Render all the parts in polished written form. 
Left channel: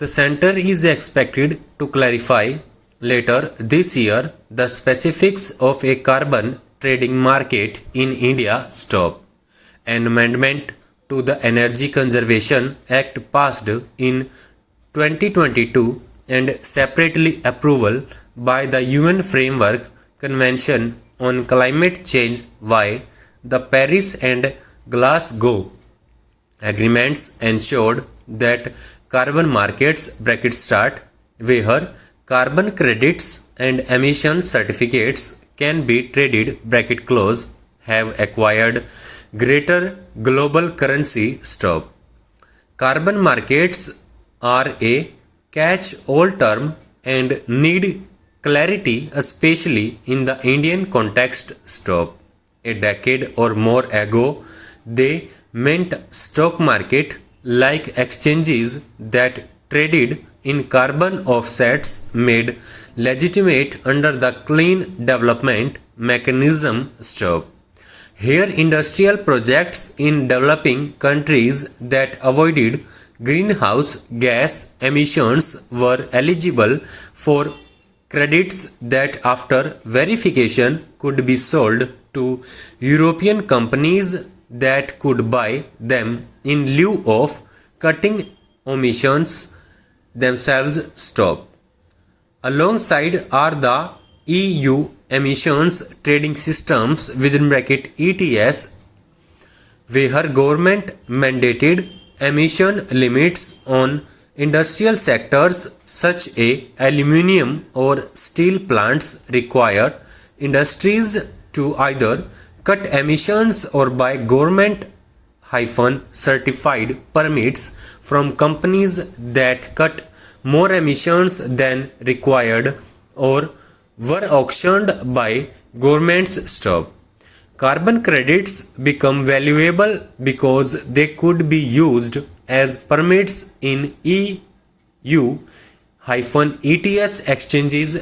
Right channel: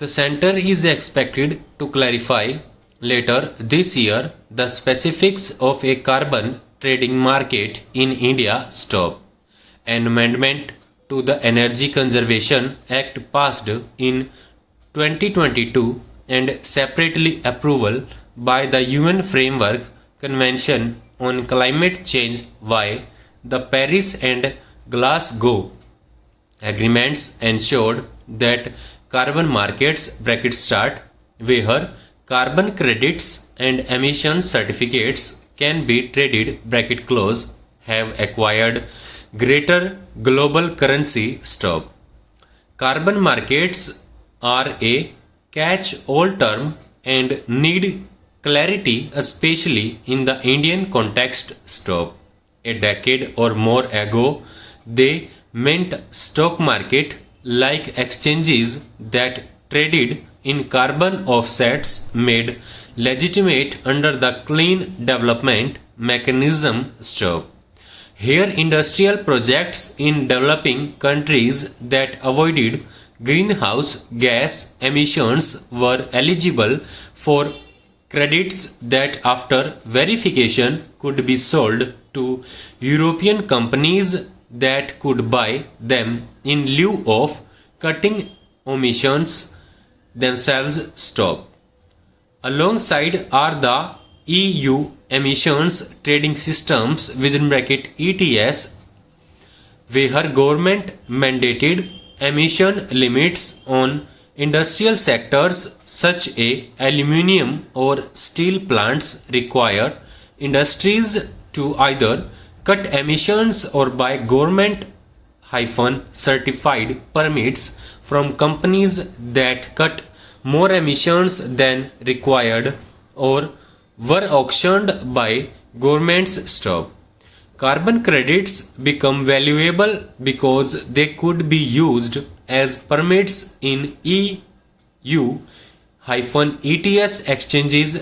The center is expected to clarify later this year the specifics of a carbon trading market in India. An amendment to the Energy Conservation Act passed in 2022 and separately approval by the UN Framework Convention on Climate Change via the Paris and Glasgow agreements ensured that carbon markets where carbon credits and emission certificates can be traded have acquired greater global currency. Carbon markets are a catch-all term and need clarity, especially in the Indian context. A decade or more ago, they meant stock market like exchanges that traded in carbon offsets made legitimate under the Clean Development Mechanism. Here industrial projects in developing countries that avoided greenhouse gas emissions were eligible for credits that after verification could be sold to European companies that could buy them in lieu of cutting emissions themselves. Alongside are the EU emissions trading systems (ETS), where government mandated emission limits on industrial sectors such as aluminium or steel plants require industries to either cut emissions or buy government-certified permits from companies that cut more emissions than required or were auctioned by governments. Carbon credits become valuable because they could be used as permits in EU-ETS exchanges.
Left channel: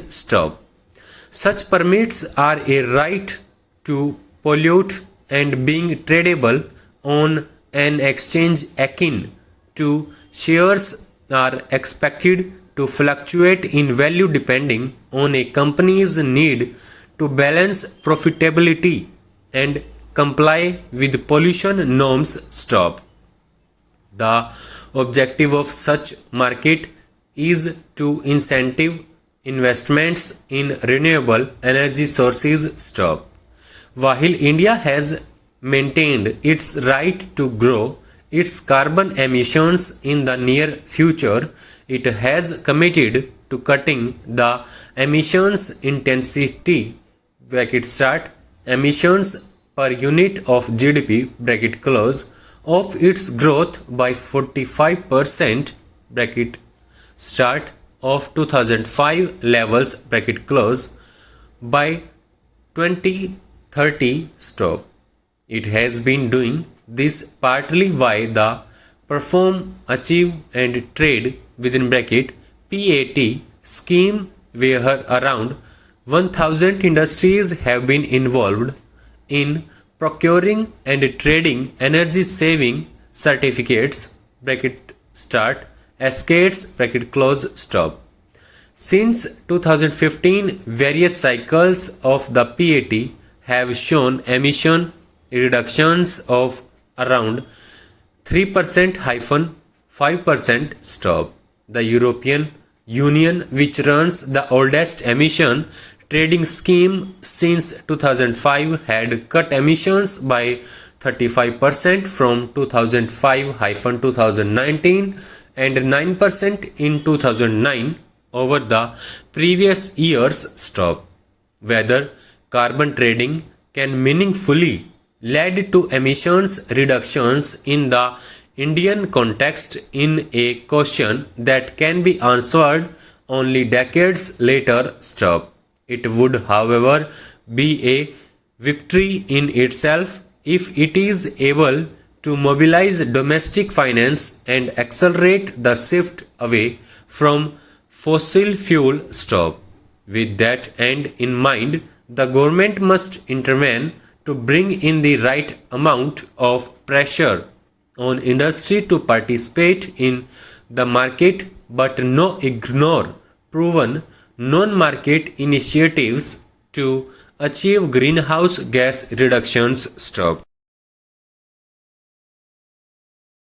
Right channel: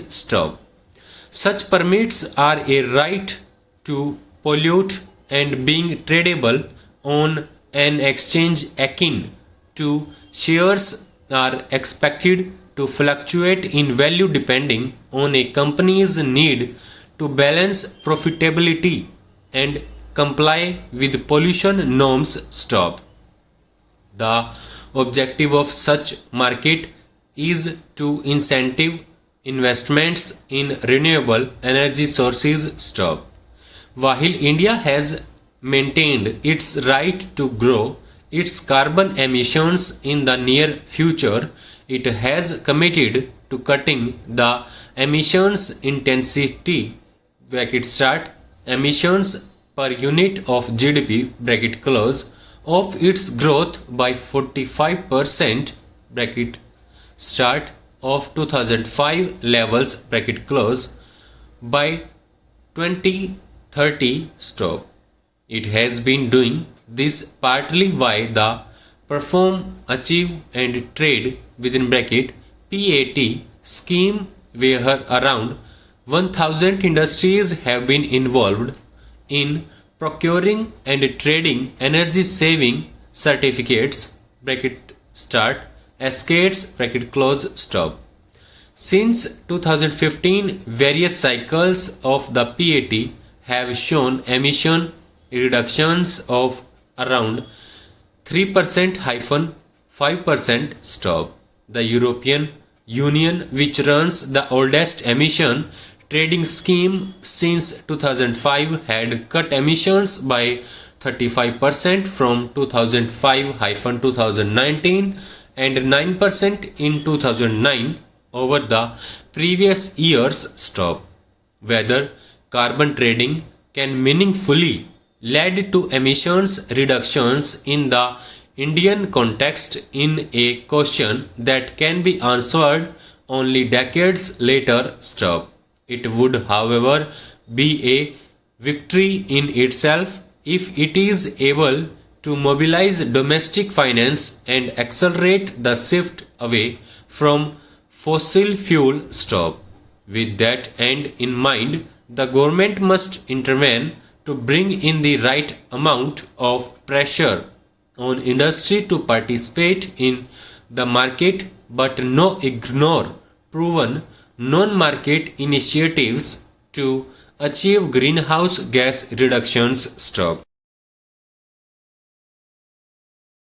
Such permits are a right to pollute and being tradable on an exchange akin to shares are expected to fluctuate in value depending on a company's need to balance profitability and comply with pollution norms. The objective of such market is to incentive investments in renewable energy sources. While India has maintained its right to grow its carbon emissions in the near future, it has committed to cutting the emissions intensity emissions per unit of GDP of its growth by 45% of 2005 levels by 2030. It has been doing this partly via the Perform, Achieve and Trade (PAT) scheme, where around 1,000 industries have been involved in procuring and trading energy saving certificates (SCATES). Since 2015, various cycles of the PAT have shown emission reductions of around 3%-5%. The European Union, which runs the oldest emission trading scheme since 2005, had cut emissions by 35% from 2005-2019 and 9% in 2009 over the previous years. Whether carbon trading can meaningfully lead to emissions reductions in the Indian context in a question that can be answered only decades later. It would, however, be a victory in itself if it is able to mobilize domestic finance and accelerate the shift away from fossil fuel. With that end in mind, the government must intervene to bring in the right amount of pressure on industry to participate in the market but no ignore proven non-market initiatives to achieve greenhouse gas reductions. Stop.